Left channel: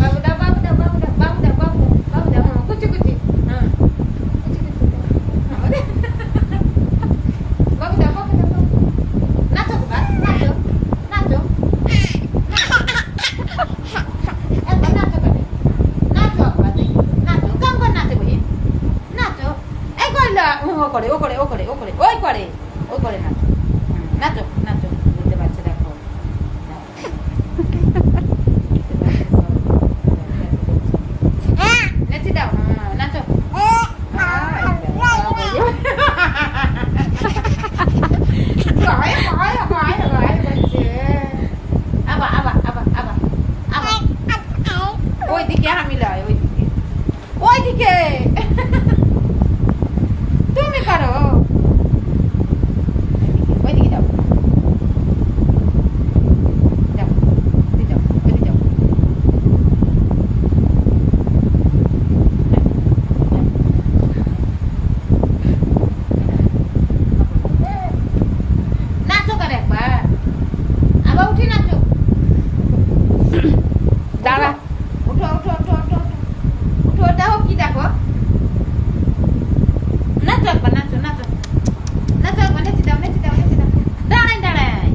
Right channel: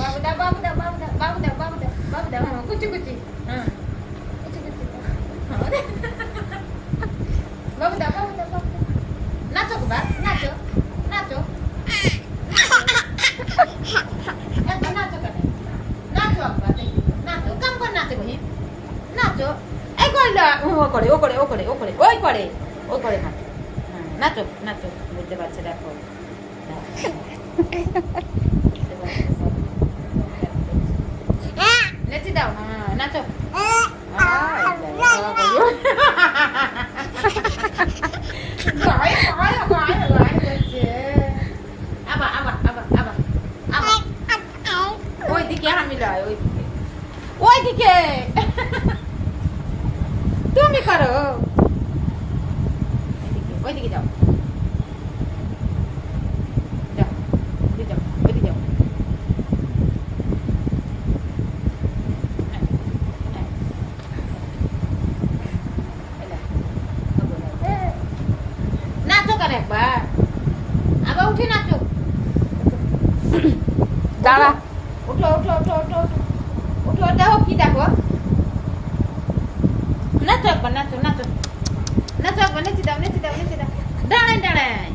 বাবু দাও বাবু দাও বাবু দাও বাবু দাও বাবু দাও বাবু দাও কুচি কুচি হ্যাঁ কুচি কুচি বাবু দাও বাবু দাও বাবু নাচো বা নাচো নাচো একবার নাচো করে নাচো একবার নাচো কাম করে নাচে বহি নাচো এই করলা ও করে ও করে ও করে ও করে ওই করে ওই করে নাচো নাচো নাচো বুঝতে পারছে দেখো নেচে দাও হ্যাঁ নাচো আবার আবার আবার আবার আবার ওইদিকে আমি লয় ওইদিকে ওইদিকে তুমি করো ওইদিকে যাও যাও ওইদিকে যাও ওইদিকে যাও নাচো করে একবার আবার উঠে নাচো দাঁড়া উঠো উঠো উঠো উঠো উঠো দেখো কি দেখো নাচো একবার নাচো নাচো নাচো একবার নেচে দাও নেচে দাও নেচে দাও দাঁড়াই দাঁড়াই